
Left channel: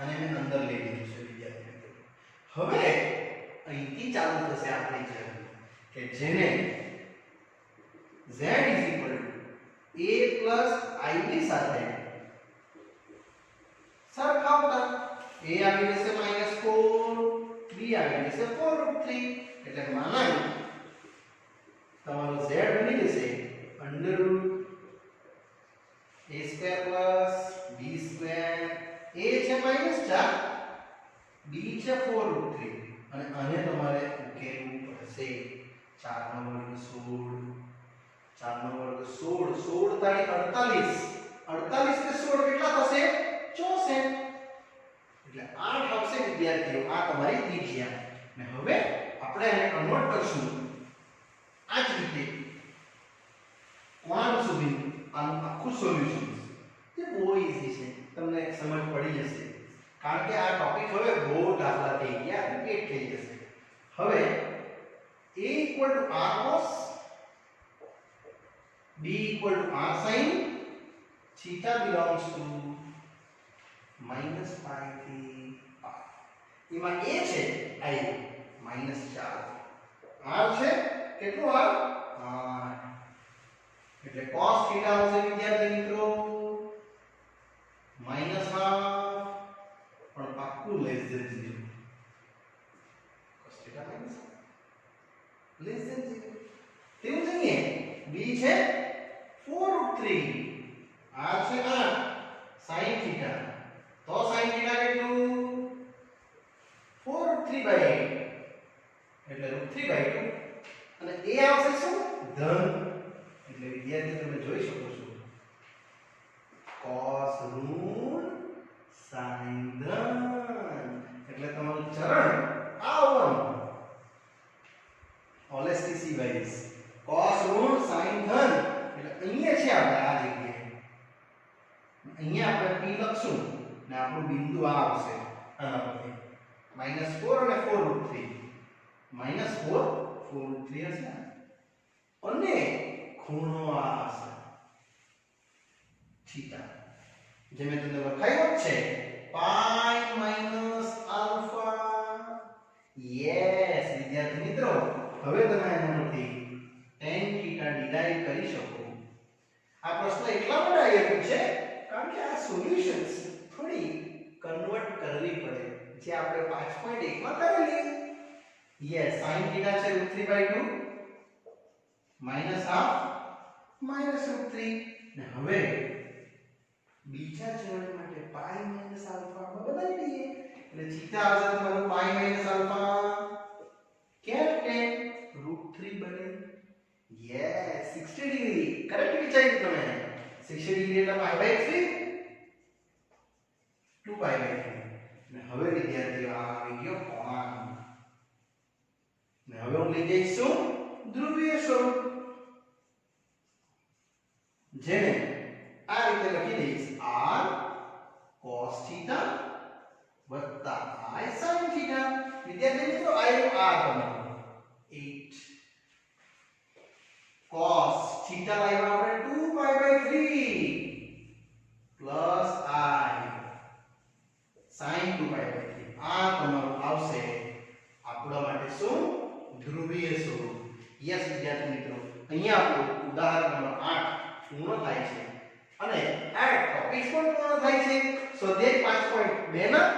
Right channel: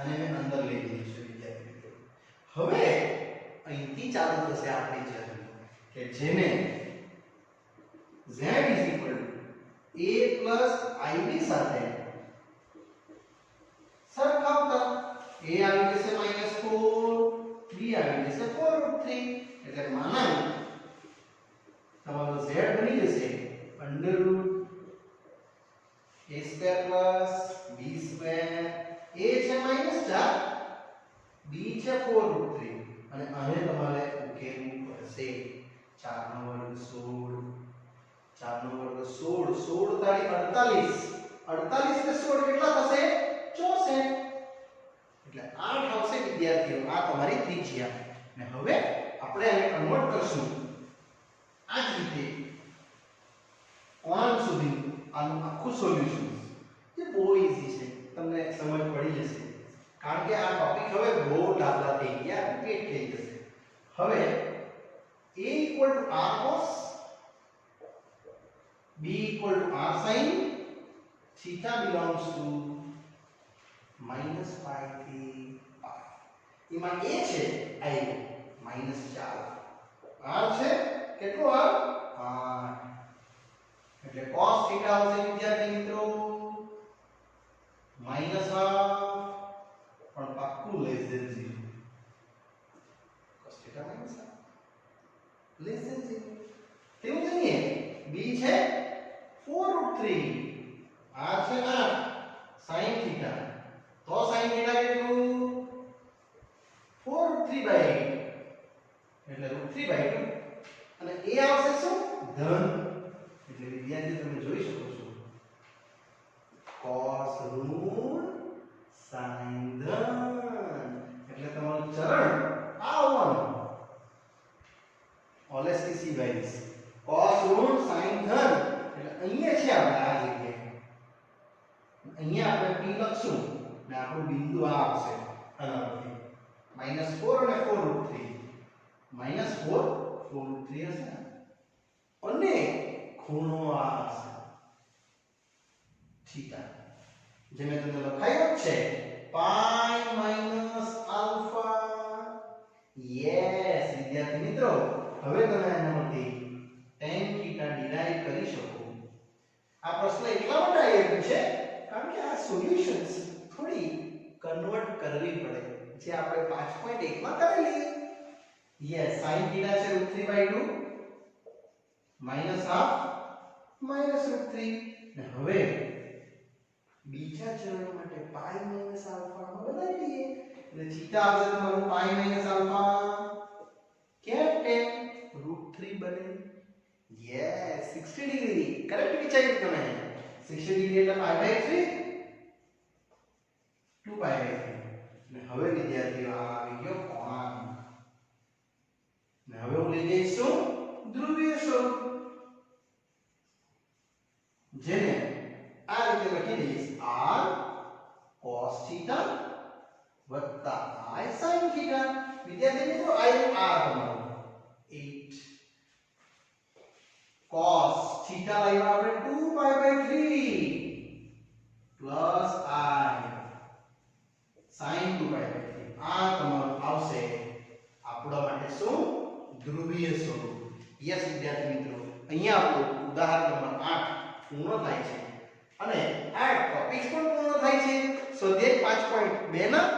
અને મેં અંદર લઈ લીધું છે વિદ્યાર્થી. હવે અહીંથી ચાલુ થશે આપણી જર્ની કે જેને z a + I ની સાથે સરખાવતા a આવી જશે -4 b આવી જશે 4√3 એટલે માનાય તમારો z બની જશે √a² + b². a છે -4 b છે 4√3 અને આને તમારે ઉકેલવું પડશે. 4 નો વર્ગ 16 4 નો વર્ગ 16 16 તાળી 48 48 ને 16 કેટલા થશે? 64 એટલે 8 આવશે વિદ્યાર્થીઓ. આ તમારી ત્રિજ્યા. ને હવે આપણે આને કન્વર્ટ કરશું આ જ રીતે કોણ સુધી આનું આખું સોલ્યુશન જે બહુ ઈઝી છે, તમને સમજ પડી જશે કારણ કે આ ટોપિક હવે બહુ દાખલા થઈ ગયા, રિપીટ થઈ જશે. હવે a equal to r cos, b equal to r sin, theta belongs to -π થી π. એમાં a છે આવ્યો -4, r છે કેટલું r 8, એટલે cos theta આવશે વિદ્યાર્થી મિત્રો -1/2 પણ પાક્કું less than 0. cos theta -1 less than 0 તેવું જ નહીં. b છે 4√3, r છે 8, sin theta તો sin theta કેટલું 4√3/8 એટલે √3/2 અને a આવશે શું ધન. એટલે વિદ્યાર્થી તમે જોઈ શકો છો cos ઋણ sin ધન એટલે તમારું ચરણ આવવાનું ઓલેસી વાઇઝ cos ઋણ sin ધન એટલે અહીંયા છે આપણે આ જગ્યાએ અહીંયા આપણે p લખશું ને આપણું બિંદુ આ આવશે આના પરથી -4 અને 4√3 -4 4√3 હશે અને ખૂણો આ હશે થીટા જે મેં તમને લખાયું છે પાઈ માઈનસ આલ્ફા. યસ વિદ્યાર્થી મિત્રો હવે તમે એનામાંથી tan થીટા ડિરાઈવ કરી શકો. આ પ્રશ્ન એટલા માટે આવ્યો છે કારણ કે આ સોલ્યુશન્સ થોડી કન્વર્ટ કરવી પડે જે આપણે 5.1 માં કરેલી. યસ sin થીટા છે √3/2 -1/2 -√3 ને હવે બીજા ચરણ માટે પાઈ માઈનસ આલ્ફા માં બદલી દઈએ એટલે થીટા આવશે તમારું પાઈ માઈનસ આલ્ફા કેપ tan √3 બને. યસ 60 ડિગ્રી કરેક્ટ વિચાર્યું તમે. 60 ડિગ્રી એટલે π/3 2π/3 ને હવે વિદ્યાર્થીઓ આ આવી ગયો કોણ ને હવે હું લઈ જઈશું ધ્રુવીય સ્વરૂપ જેને આ રીતે લખી દઈશ r cos theta i sin theta. વિદ્યાર્થી મિત્રો i r તમારું 8 cos theta લાવ્યા આપણે 2π/3 plus i sin 2π/3 આ તમારું આવશે આપણા માટે શું ધ્રુવીય સ્વરૂપ. યસ વિદ્યાર્થી મિત્રો અહીંયા આપણું ઉદાહરણ નંબર 8 પૂર્ણ થાય છે અને આ ટોપિક પણ પૂર્ણ થાય છે. સ્વાધ્યાય 5.2 ના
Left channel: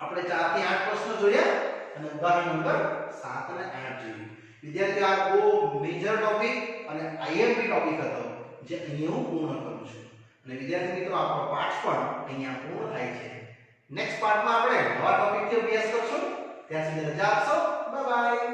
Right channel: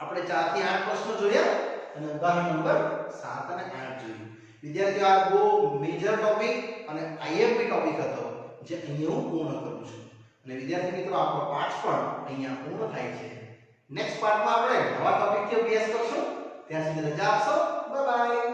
આપણે 4 થી 8 પ્રશ્નો જોયા અને ઉદાહરણ નંબર 7 અને 8 જોયું. વિદ્યાર્થીઓ આ બહુ મેજર ટોપિક અને આઈએમપી ટોપિક હતો જે અહીંયા હું પૂર્ણ કરું છું અને વિદ્યાર્થી મિત્રો આપણો પાઠ પણ અહીંયા પૂર્ણ થાય છે. નેક્સ્ટ પાર્ટમાં આપણે નવા ટોપિકથી અભ્યાસ કરશું. ત્યાં સુધી રજા આપશો. Bye bye.